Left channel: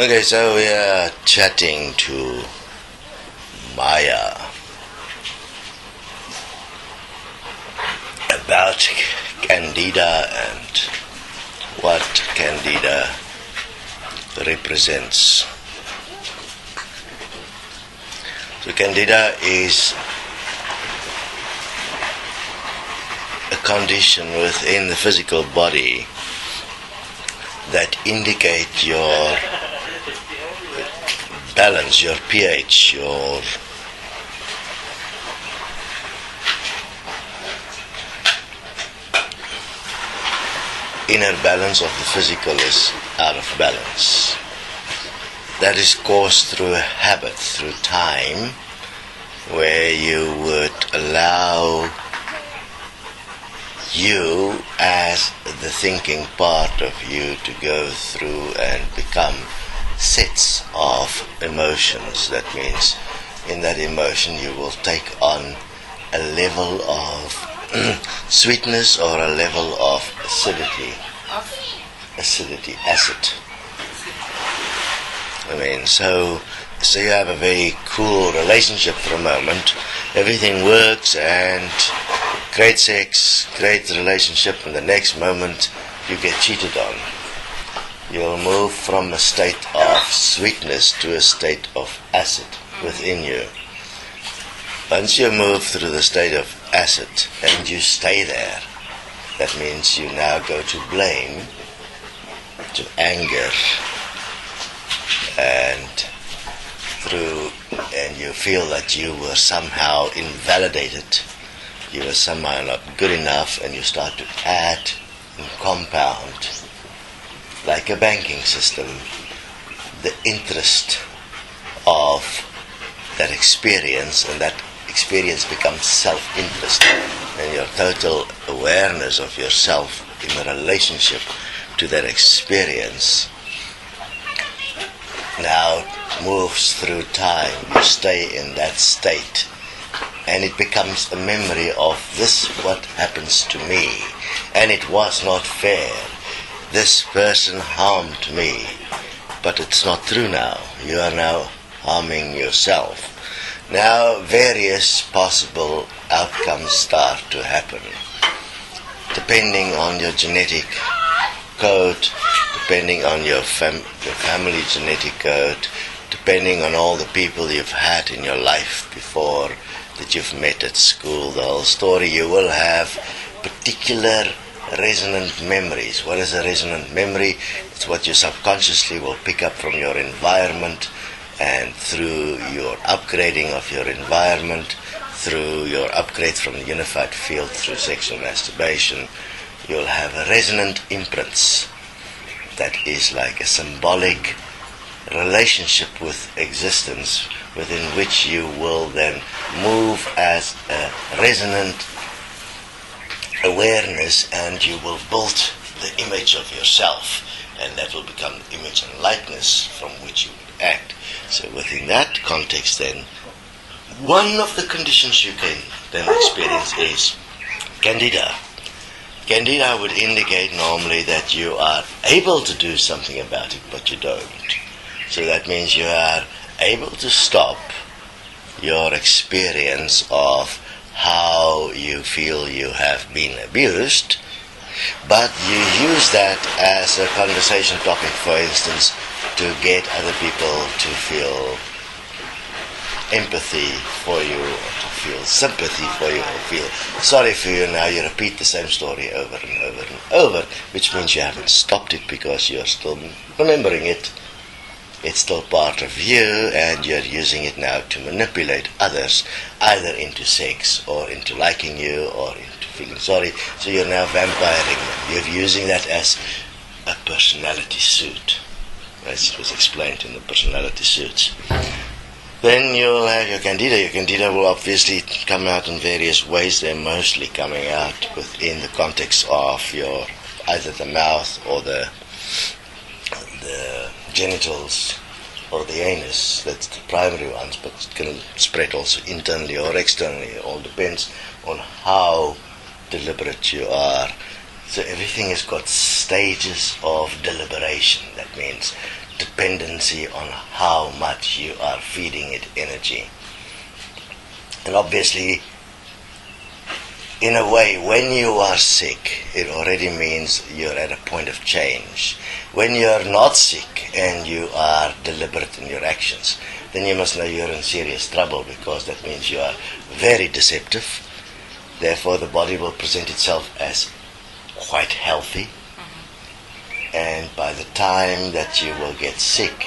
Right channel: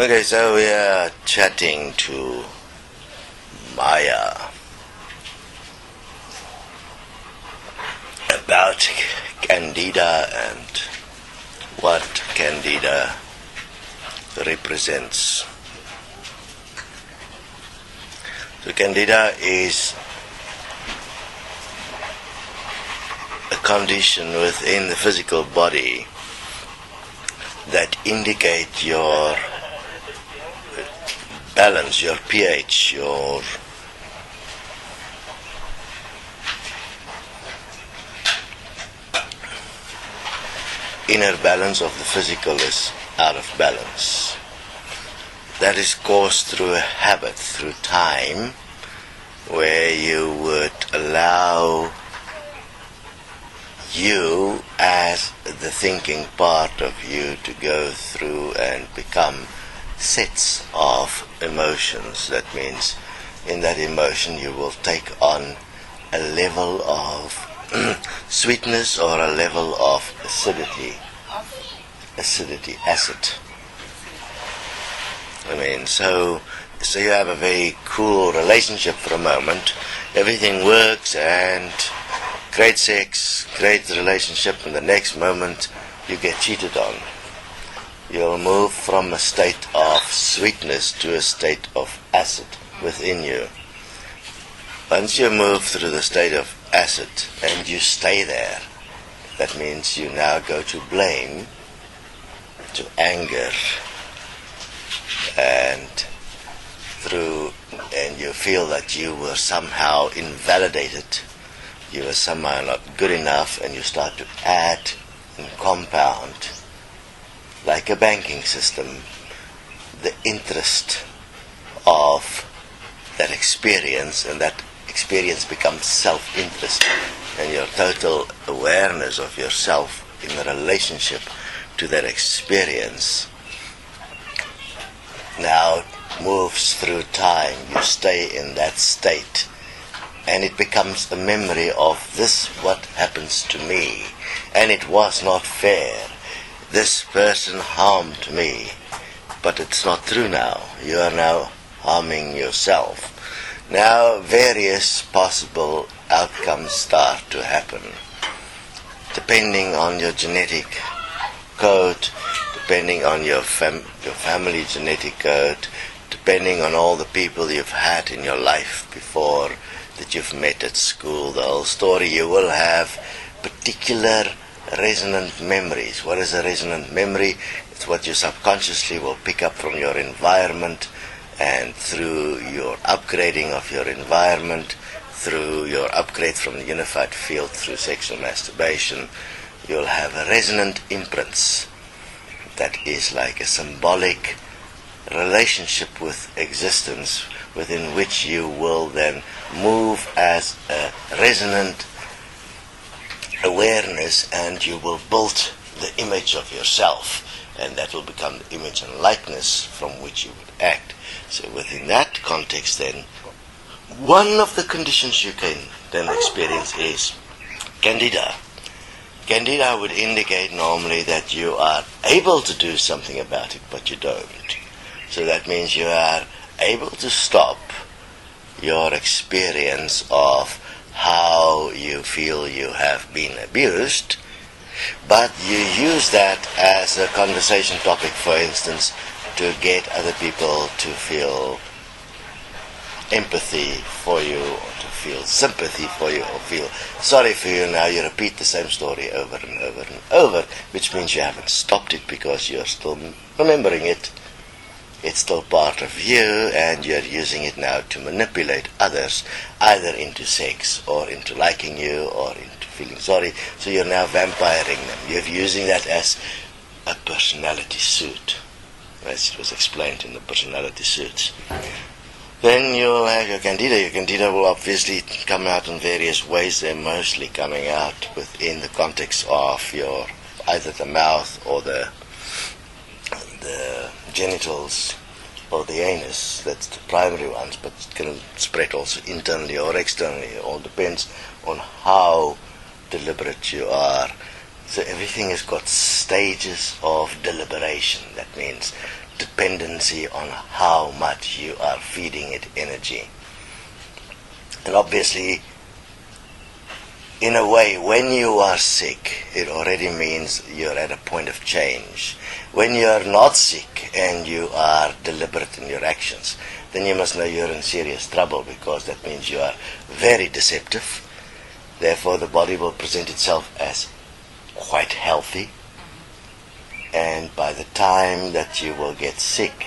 Okay, so we are chatting to Maya about Candida and what Candida represents. So Candida is a condition within the physical body that indicate your balance, your pH, your inner balance of the physical is out of balance. That is caused through a habit, through time, where you would allow you as the thinking part of you to go through and become sets of emotions. That means in that emotion you will take on a level of sweetness or a level of acidity. Acid. So you have a very cool relationship for a moment. Everything works and great sex, great relationship, and the next moment you get cheated on. You'll move from a state of sweetness to a state of acid within you. Once you move through the state of acid and you stay there, that means you now go to blame, to anger, and you feel that you were somehow invalidated. You were somehow not good enough, and you start to add and compound, like a banking system, the interest of that experience, and that experience becomes self-interest, and your total awareness of yourself in a relationship to that experience now moves through time. You stay in that state, and it becomes a memory of this, what happens to me, and it was not fair. This person harmed me, but it's not true now. You are now harming yourself. Now various possible outcomes start to happen, depending on your genetic code, depending on your family genetic code, depending on all the people you've had in your life before, that you've met at school, the whole story. You will have particular resonant memories. What is a resonant memory? It's what you subconsciously will pick up from your environment, and through your upgrading of your environment, through your upgrade from the unified field through sexual masturbation, you'll have resonant imprints. That is like a symbolic relationship with existence, within which you will then move as a resonant awareness, and you will build the image of yourself, and that will become the image and likeness from which you would act. So within that context then, one of the conditions you can then experience is Candida. Candida would indicate normally that you are able to do something about it, but you don't. So that means you are able to stop your experience of how you feel you have been abused, but you use that as a conversation topic, for instance, to get other people to feel empathy for you, or to feel sympathy for you, or feel sorry for you. Now you repeat the same story over and over and over, which means you haven't stopped it because you're still remembering it. It's still part of you, and you're using it now to manipulate others, either into sex, or into liking you, or into feeling sorry. So you're now vampiring them. You're using that as a personality suit, as it was explained in the personality suits. Then you'll have your Candida. Your Candida will obviously come out in various ways. They're mostly coming out within the context of your, either the mouth or the genitals or the anus. That's the primary ones, but it can spread also internally or externally. It all depends on how deliberate you are. So everything has got stages of deliberation. That means dependency on how much you are feeding it energy. And obviously, in a way, when you are sick, it already means you're at a point of change. When you're not sick and you are deliberate in your actions, then you must know you're in serious trouble, because that means you are very deceptive. Therefore, the body will present itself as quite healthy. And by the time that you will get sick,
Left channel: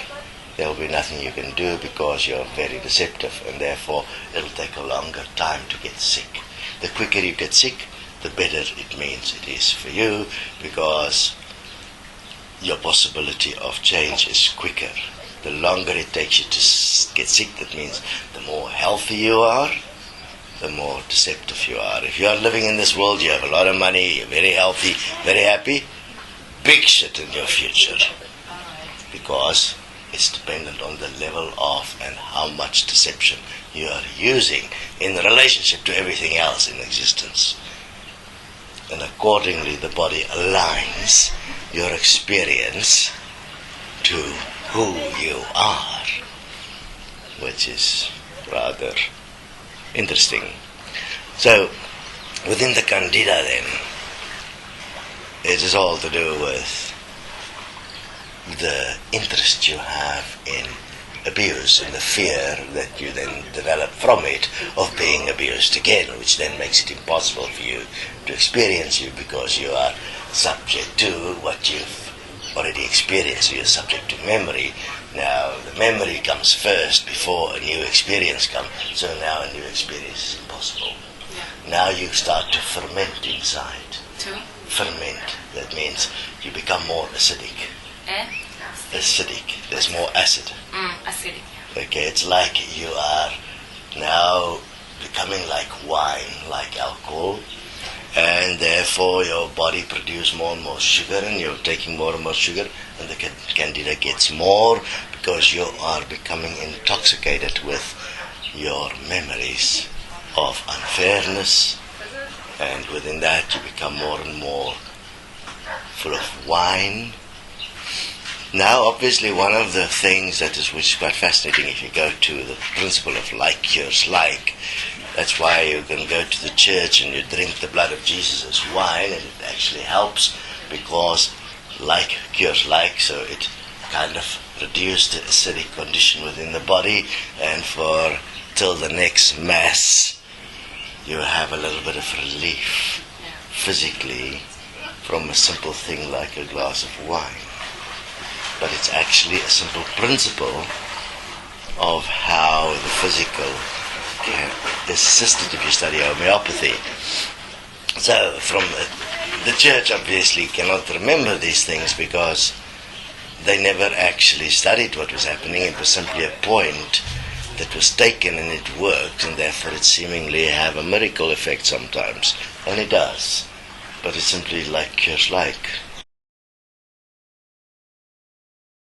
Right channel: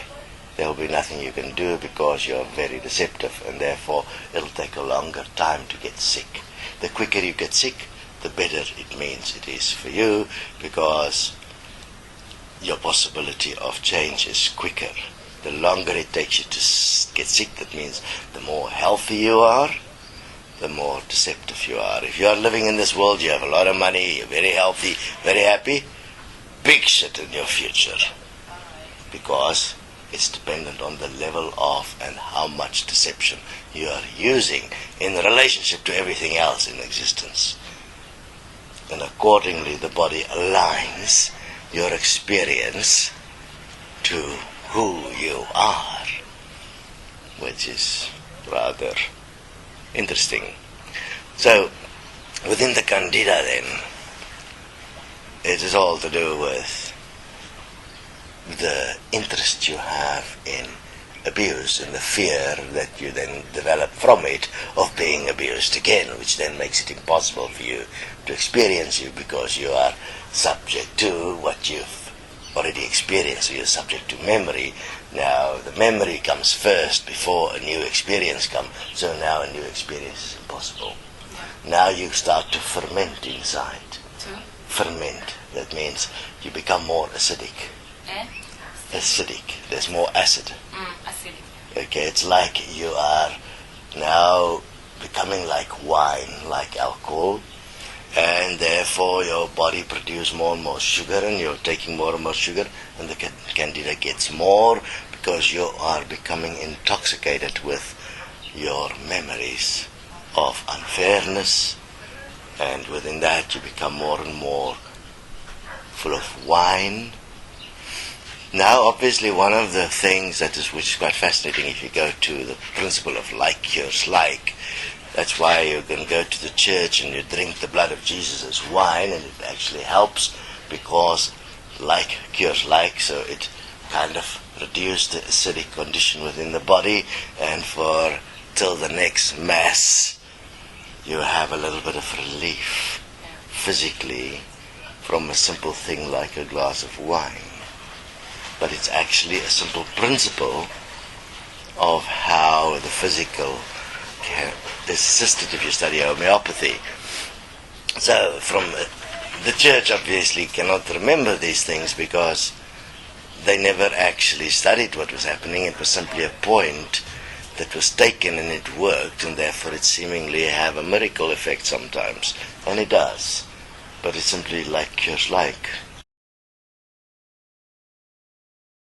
there will be nothing you can do, because you're very deceptive, and therefore it'll take a longer time to get sick. The quicker you get sick, the better it means it is for you, because your possibility of change is quicker. The longer it takes you to get sick, that means the more healthy you are, the more deceptive you are. If you are living in this world, you have a lot of money, you're very healthy, very happy, big shit in your future, because it's dependent on the level of and how much deception you are using in relationship to everything else in existence. And accordingly, the body aligns your experience to who you are, which is rather interesting. So, within the Candida then, it is all to do with the interest you have in abuse and the fear that you then develop from it of being abused again, which then makes it impossible for you to experience you, because you are subject to what you've already experienced. You're subject to memory. Now the memory comes first before a new experience comes, so now a new experience is impossible. Yeah. Now you start to ferment inside. To? Ferment. That means you become more acidic. Eh? Acidic. There's more acid. Acidic. Okay, it's like you are now becoming like wine, like alcohol, and therefore your body produces more and more sugar, and you're taking more and more sugar, and the Candida gets more, because you are becoming intoxicated with your memories of unfairness, and within that you become more and more full of wine. Now, obviously, one of the things which is quite fascinating, if you go to the principle of like cures like, that's why you can go to the church and you drink the blood of Jesus as wine, and it actually helps, because like cures like, so it kind of reduces the acidic condition within the body, and for till the next Mass, you have a little bit of relief physically from a simple thing like a glass of wine. But it's actually a simple principle of how the physical is assisted if you study homeopathy. So from the church obviously cannot remember these things, because they never actually studied what was happening. It was simply a point that was taken and it worked, and therefore it seemingly have a miracle effect sometimes, and it does. But it's simply like cures like.